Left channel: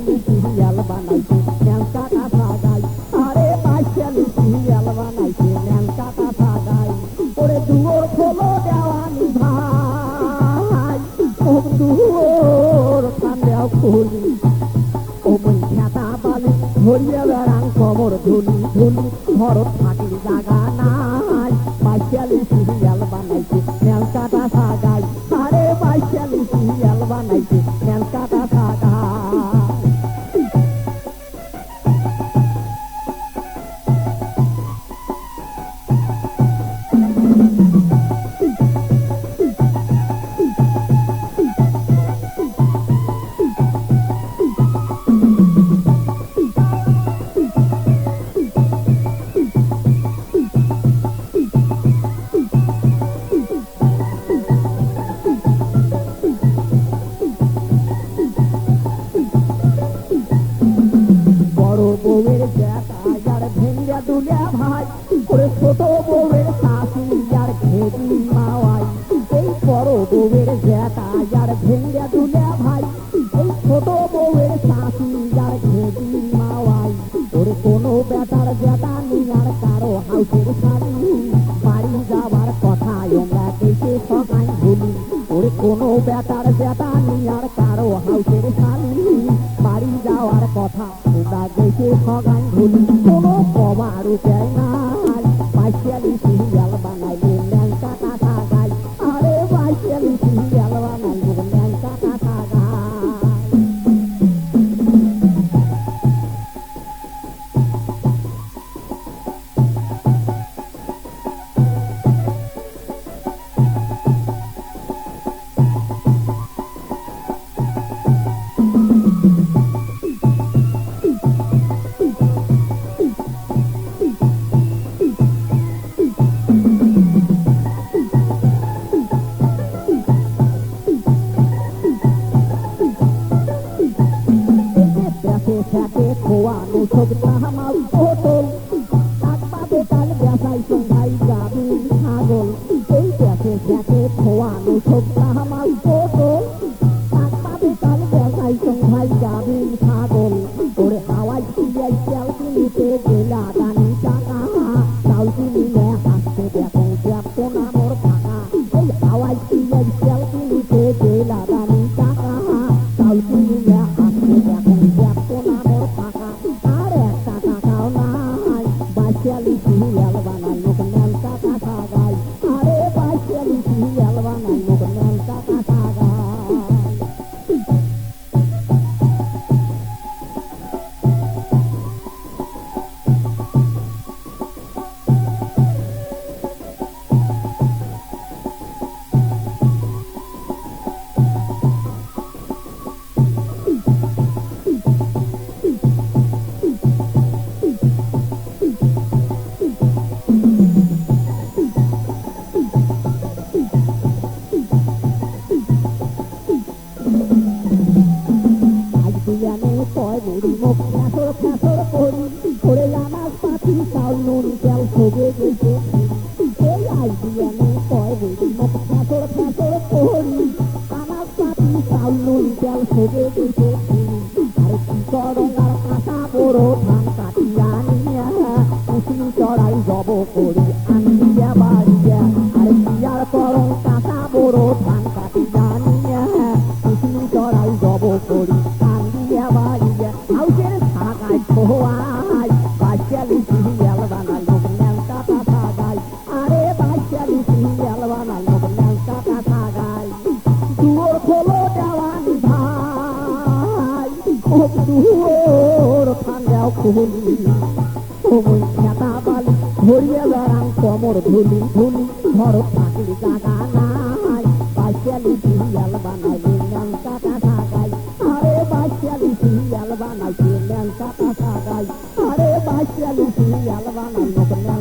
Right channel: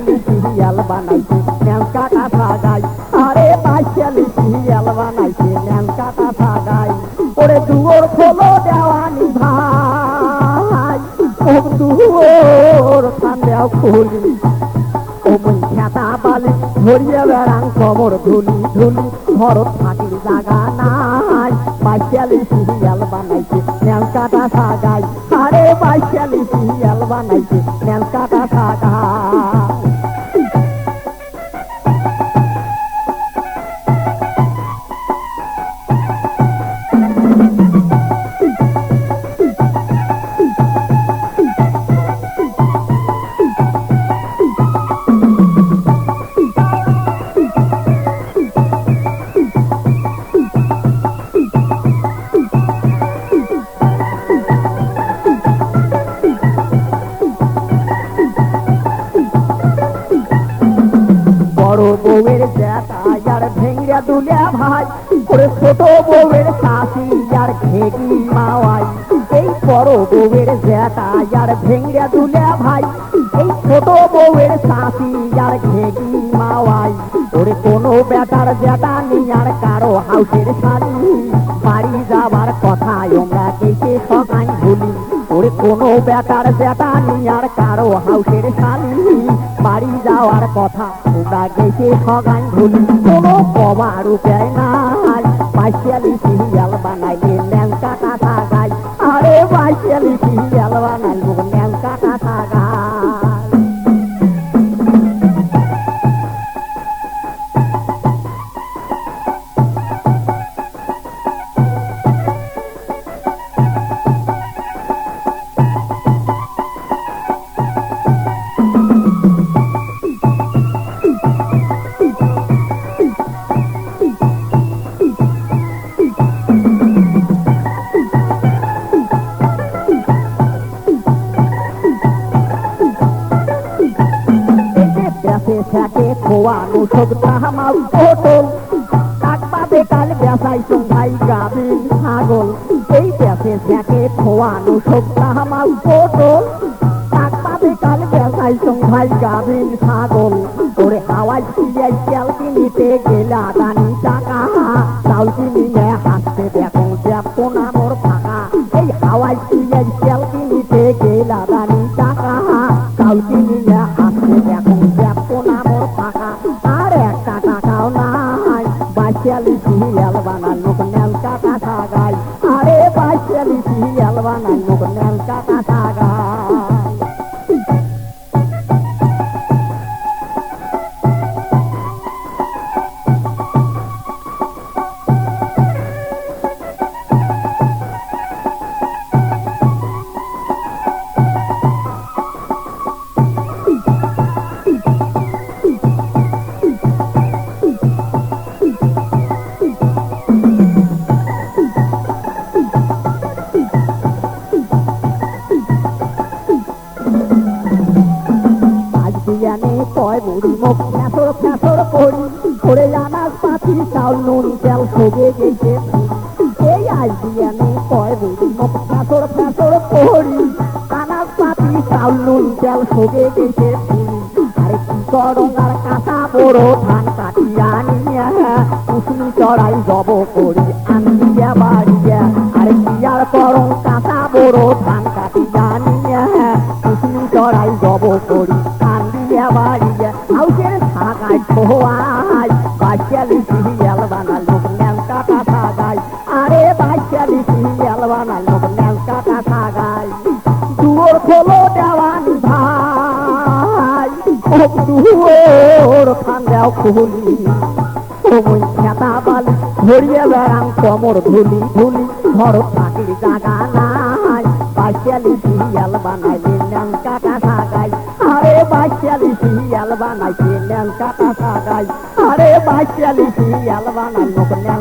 বাইশালি serial বানাইছে ন্যাং কাটা সাগাই আরে বাইশালি সিরিয়াল বানাইছে ন্যাং কাটা সাগাই ওরে দুয়োর খোলো দেওয়ানি ভাই, ও দুয়োর খান্দেও খুলি। ওমন খেতা বালি, ধরিয়ে বেড়াং কমর ধুলি ধুলি, ঘরত থাকির জাগা নাই। বাইশালি সিরিয়াল বানাইছে দুলিয়া ভাই ছোট বউয়ের শাশি আর ঘেগি মাওয়াই। এই বড় বউয়ের আর দুলিয়া ভাই, এই ছোট বউয়ের শাশি আর ঘেগি মাওয়াই। ওরে কোনো বেটার জ্যাঠা নি আর কারও হাউসের শাড়ি বাড়ি যাবার আমরা কেসে সকাই ওরে কোনো বেটার আর কারও হাউসের শাড়ি বাড়ি যাওয়ার কথা। তোমরা গেছে সগান ভুলি কোনো কবার উপায় নাই। বাইশালি সব তাহামাল পটল কাক পাবে কাল ব্যাসাই ভাই গাবে ছাগল এই ব্যাসে থাকে খোয়ানো সব তাহামাল পটল কাক পাবে কাল ব্যাসাই ভাই গাবে ছাগল ওরে হাওয়াই সিয়াই তেল কিনিতে গেলা দানি টাকা চাউল কিনিলে হাসতে দেখো দেখো না মোর ফাঁকা এই হাওয়াই বাইশালি সিরিয়াল বানানো করি ঘরে আনাজ পাতি চাল, নুন চাল সবে গেছে। এই আজ দিয়ে আমি মুখ ফ্যাসর ফ্যাসর করি। আনাজ পাতি চাল, নুন চাল সবে গেছে। আরে বড় ধান কাটিয়া নিয়ে চড়াই জব করি। খোলো ওই খেতা বালি ধরিয়ে বেড়াং কমর ধুলি ধুলি ঘর থাকির জাগা নাই বাচ্চালি সিরিয়াল বানাইলে ন্যাং কাটা থাকাই আরে বাচ্চালি সিরিয়াল বানাইছে ন্যাং কাটা থাকাই আরে বাচ্চালি সিরিয়াল বানাইলো ন্যাং